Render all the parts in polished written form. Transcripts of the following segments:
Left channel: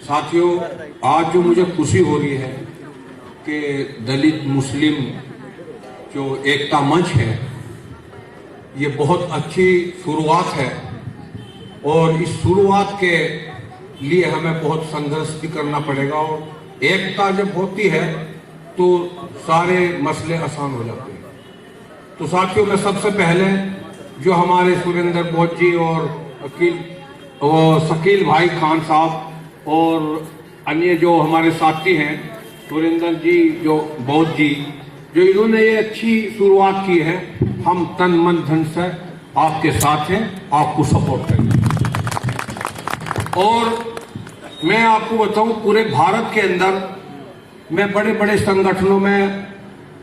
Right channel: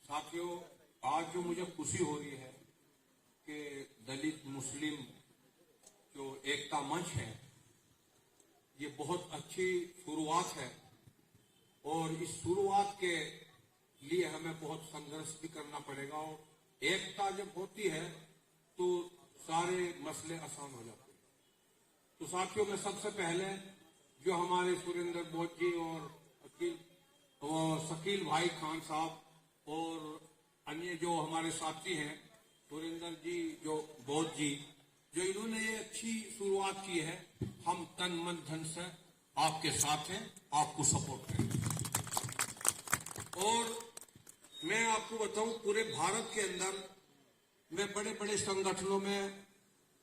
साथियों, आज जो मुझे खुशी हो रही है कि दलित मुस्लिम जो एकता मंच है, ये बहुत अच्छी शुरुआत है और इस शुरुआत के लिए हमें बहुत संघर्ष भी करना पड़ेगा। और एकता जब होती है तो सारे मसले आसान हो जाते हैं। तो साथियों, मैं सबसे पहले जो हमारे सुरेंद्र बोध जी और शकील भाई खान साहब और अन्य जो हमारे साथी हैं, सुरेंद्र जी, जो बोध जी, जो इन्होंने ये अच्छी शुरुआत की है, हम तन मन धन से आपके साथ हैं, आपको सपोर्ट करेंगे। और मैं आपको बताऊं, पूरे भारत के अंदर मैं बड़े बड़े संगठनों में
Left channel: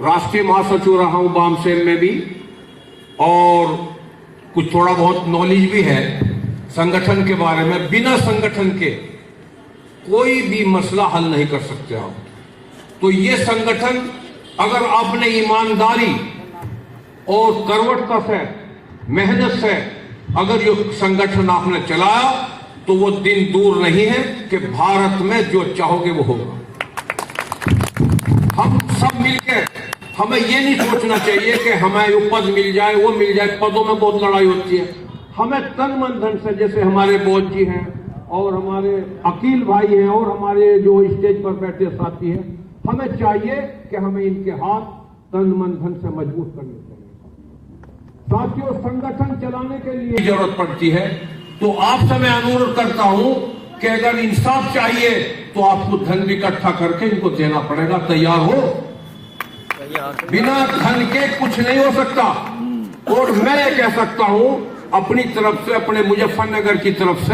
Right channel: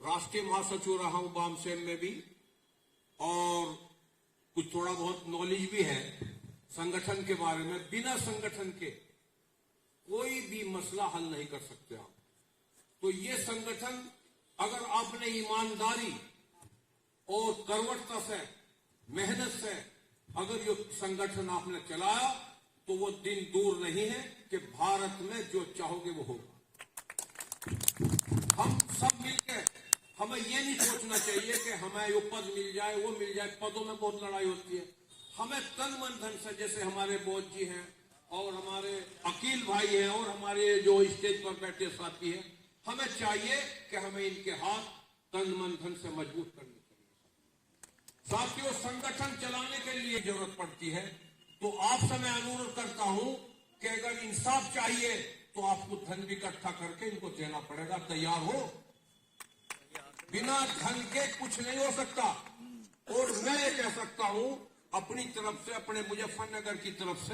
राष्ट्रीय महासचिव रहा हूं, बामसेन में भी, और कुछ थोड़ा बहुत नॉलेज भी है संगठन के बारे में। बिना संगठन के कोई भी मसला हल नहीं कर सकते आप। तो ये संगठन अगर आपने ईमानदारी और करवटता से, मेहनत से अगर ये संगठन आपने चलाया तो वो दिन दूर नहीं है कि भारत में जो चाहोगे वो होगा। हम सब मिलकर, हमें ये नहीं सोचना चाहिए कि हमें वो पद मिल जाए, वो मिल जाए। पदों में बहुत लड़ाई होती है। हमें तन मन धन से, जैसे हमारे बोध जी हैं और हमारे अकील भाई हैं और हमारे जो स्टेज पर बैठे साथी हैं, हमें चाहिए कि हमें इनके हाथ तन मन धन से मजबूत करने चाहिए। साथियों, संगठन चलाने के लिए जरूरत पड़ती है। तो आपसे मैं अनुरोध करता हूं कि अगर इंसाफ चाहिए तो आपको धन इकट्ठा करके इनको देना पड़ेगा। तैयार हो? बिना धन के कुछ नहीं हो सकता। और मैं ये कह सकता हूं अपनी तरफ से, अपने मुजफ्फरनगर की तरफ से,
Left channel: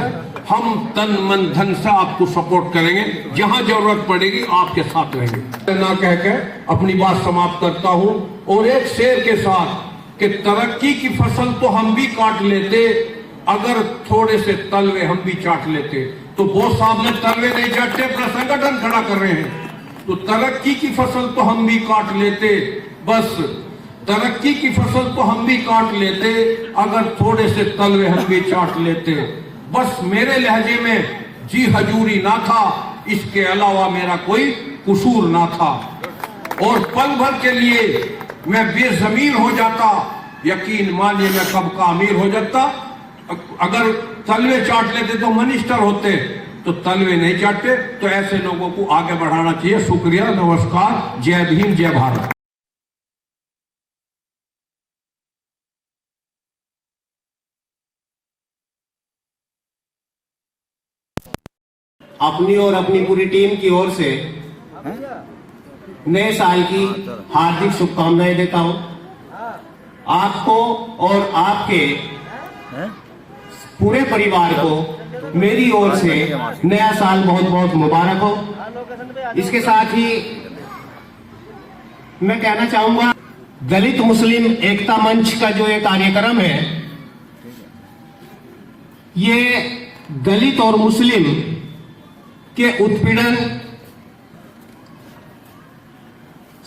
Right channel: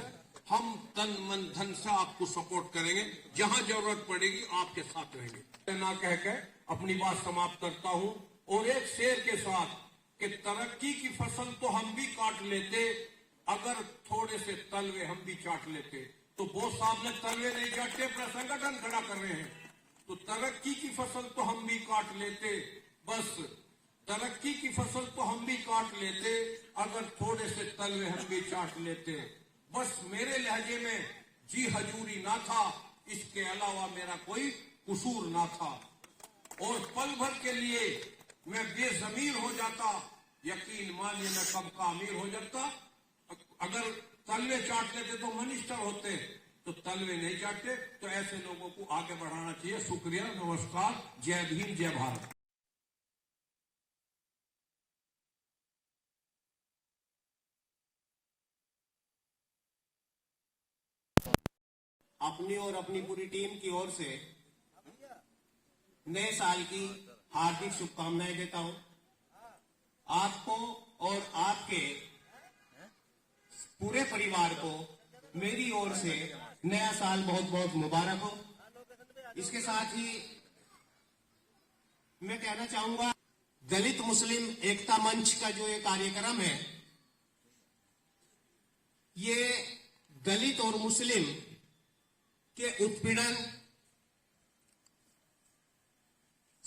हम तन मन धन से आपको सपोर्ट करेंगे। जहां जरूरत पड़ेगी आपके साथ रहेंगे। ना कह के अपनी बात समाप्त करता हूं और एक शेर के साथ कि तरक्की की फसल तो हम भी काट लेते अगर थोड़े से तलवे हम भी चाट लेते। तो बोस साहब ने तलवे नहीं चाटे, अपना संगठन खड़ा कर रहे हैं। तो तरक्की की फसल तो हम भी काट लेते, बस तरक्की की फसल तो हम भी काट लेते अगर थोड़े से तलवे हम भी चाट लेते। बस मेरे लहजे में जी हजूरी ना था, इसके अलावा मेरा कोई कसूर ना था। और पल भर के लिए मैं बेजमीर हो जाता, यकीन मानिए मैं कब का अमीर हो जाता। अगर तलवे चाट लेते तो मिनिस्टर होते, तो तलवे नहीं चाटते। तो ऐसे लोगों को आगे बढ़ाना चाहिए। शुक्रिया, नमस्कार, जय भीम, जय भारत। अपनी और अपनी पूरी टीम की ओर से नए साल की हार्दिक शुभकामनाएं देता हूं आपको और आपके पूरे परिवार को। मेरी ओर से नया साल बहुत बहुत मुबारक हो। इसके साथ ही मैं कहना चाहूंगा, दलित मुस्लिम एकता मंच का जो ये कार्यक्रम है, ये दलित और मुस्लिम के उत्पीड़न,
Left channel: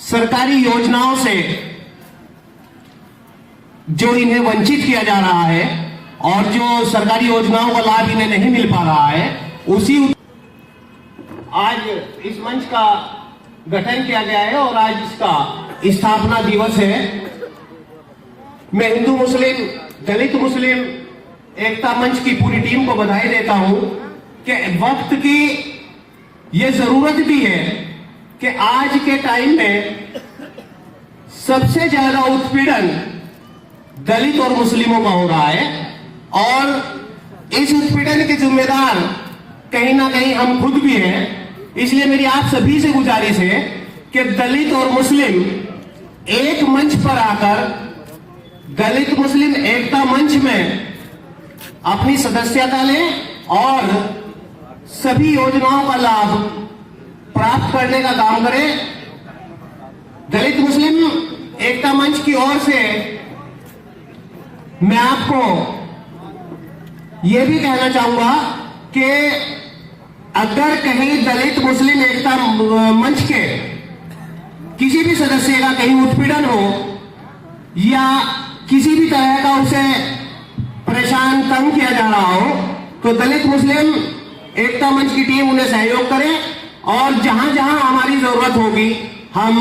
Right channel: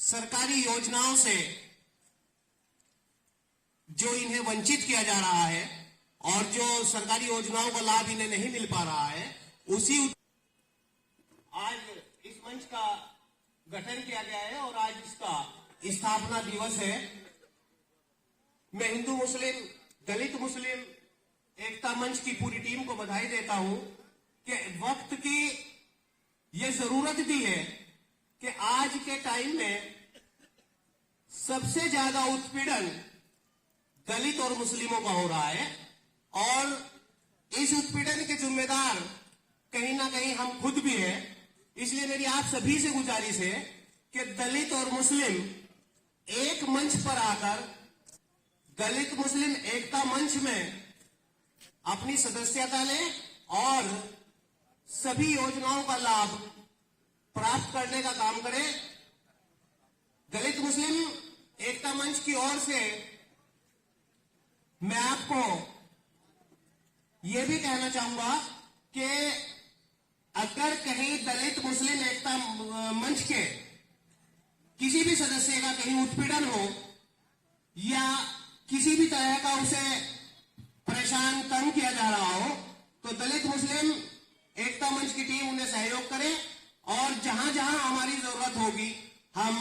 सरकारी योजनाओं से जो इन्हें वंचित किया जा रहा है और जो सरकारी योजनाओं का लाभ इन्हें नहीं मिल पा रहा है, उसी आज इस मंच का गठन किया गया है और आज इसका स्थापना दिवस है। मैं हिंदू मुस्लिम, दलित मुस्लिम एकता मंच की पूरी टीम को बधाई देता हूं कि वक्त की ये जरूरत भी है कि आज के टाइम में सबसे ज्यादा उत्पीड़न दलित और मुस्लिमों का हो रहा है और इस उत्पीड़न के जिम्मेदार कहीं ना कहीं हम खुद भी हैं। इसलिए मेरी आप सभी से गुजारिश है कि दलित और मुस्लिम एक मंच पर आकर दलित मुस्लिम एकता मंच में अपनी सदस्यता लें और सभी योजनाओं का लाभ प्राप्त करने का काम करें। दलित मुस्लिम एकता मंच की ओर से मैं आपको यह भी कहना चाहूंगा कि अगर कहीं दलित मुस्लिम एकता मंच के किसी भी सदस्य का कहीं उत्पीड़न हो या किसी भी तरह का उसे परेशान तंग किया जा रहा हो, तो दलित मुस्लिम एकता मंच की टीम उन्हें सहयोग करे और जहां जहां हमारी जरूरत होगी हम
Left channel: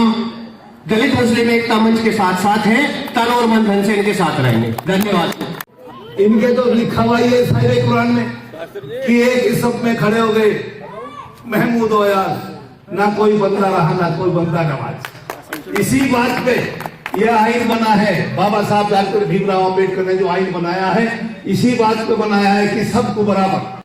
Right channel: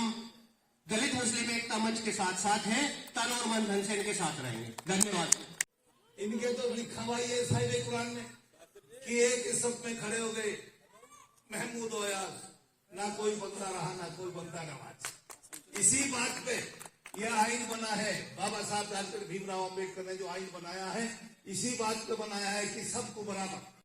दलित मुस्लिम एकता मंच के साथ साथ हैं, तन और मन धन से इनके साथ रहेंगे। धन्यवाद। इनके तो लिखा हुआ ही है साहिब कुरान में कि एक ही सब में खड़े हो गए महमूद और यार, ना कोई बंदा रहा ना कोई बंदा नवाज। इसी बात पे यह आइन बना है, बाबा साहब डॉक्टर भीमराव अम्बेडकर ने जो आइन बनाया है इसी बात पे बनाया है कि सबको बराबर